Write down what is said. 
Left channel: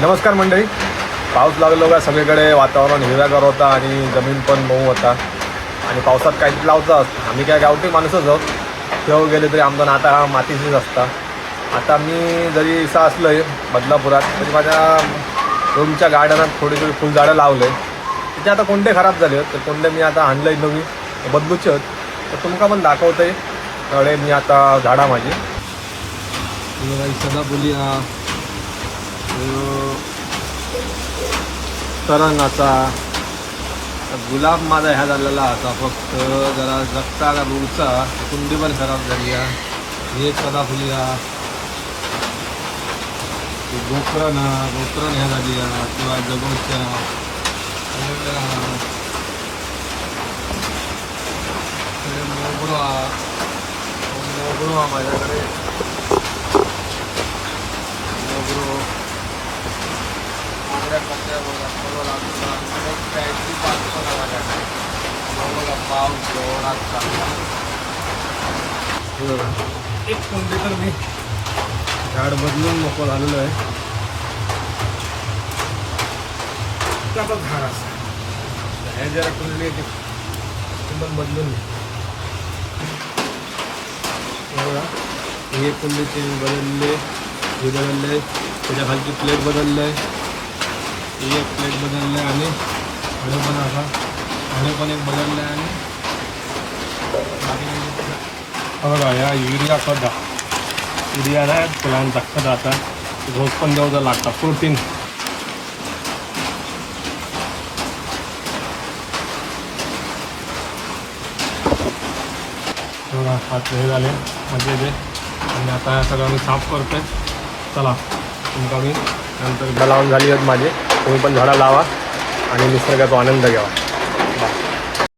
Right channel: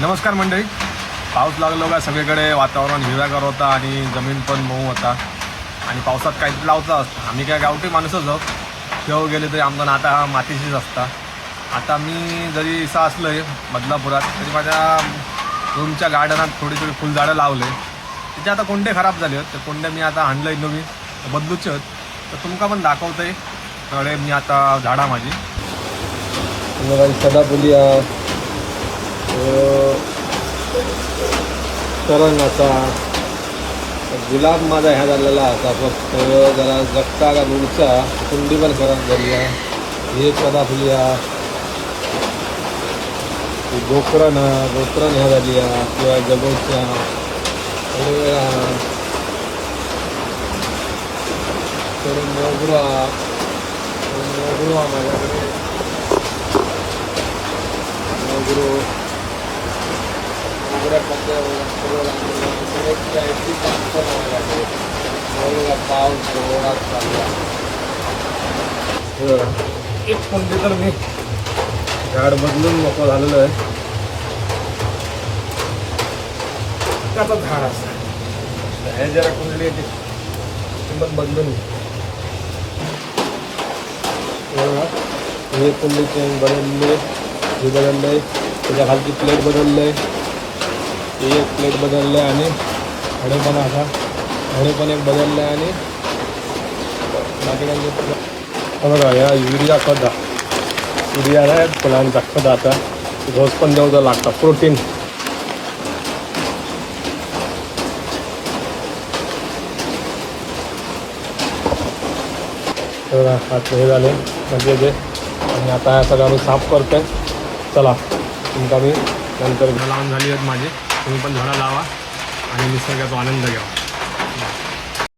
नमस्कार मंडळी. पाऊस लागलो का सगळीकडे वातावरण हिरव्यागार होता आणि जमीन पण मऊ होता आणि पावसात काहीतरी लावतात. आम्ही काय गावठी माणूसच आहोत. केव्हा गेले तरी आमचा नाता हा मातीशीच असता. आता मी जरी इसा असलो आहे बदलापुरात तरी माझ्या रूमच्या गार्डनात थोडी थोडी फुलझाडं लावलं आहे. तिचे आता कोंडे खराब झाले आहेत तर कोंडे मी आता आणलं आहे नवी बदलूचे आहेत तर तुमका पण दाखवतं आहे. त्यामुळे मी आता झाडा माझी सदाफुली करंगाचा गुलाब माझा ह्या झालेला आता फक्त जरा जगता का दूरचा कुंडी पण खराब झाली आहे. हे सदाफुली गोकरण ह्या झाली आहे किंवा जगोच्या मोगरा माझ्याकडे मोगरो एक कुंडी तर मी झाड बदलून मोकळं झालेलं आहे. त्याचा झाड असं हे जरा कुंडली पण बदलून हे कुंडी चेंज बदलले, हे बदललंय, त्याच्या खालची प्लेट बदललंय, ही एक प्लेट बदललं आणि हडे पण एक बदललं आणि बघा या युरिया खत आहे फुलांचा खत. आता रोज पण देऊ लागतं प्रोटीन. आता हे झाले म्हणजे जे आणि आता सगळं आम्ही साफ करतोय. चला तुमका मी नंतर लावून झाली आहेत माझी. तुम्ही पण झाडं लावा आणि निसर्गाचा आनंद घ्यावा.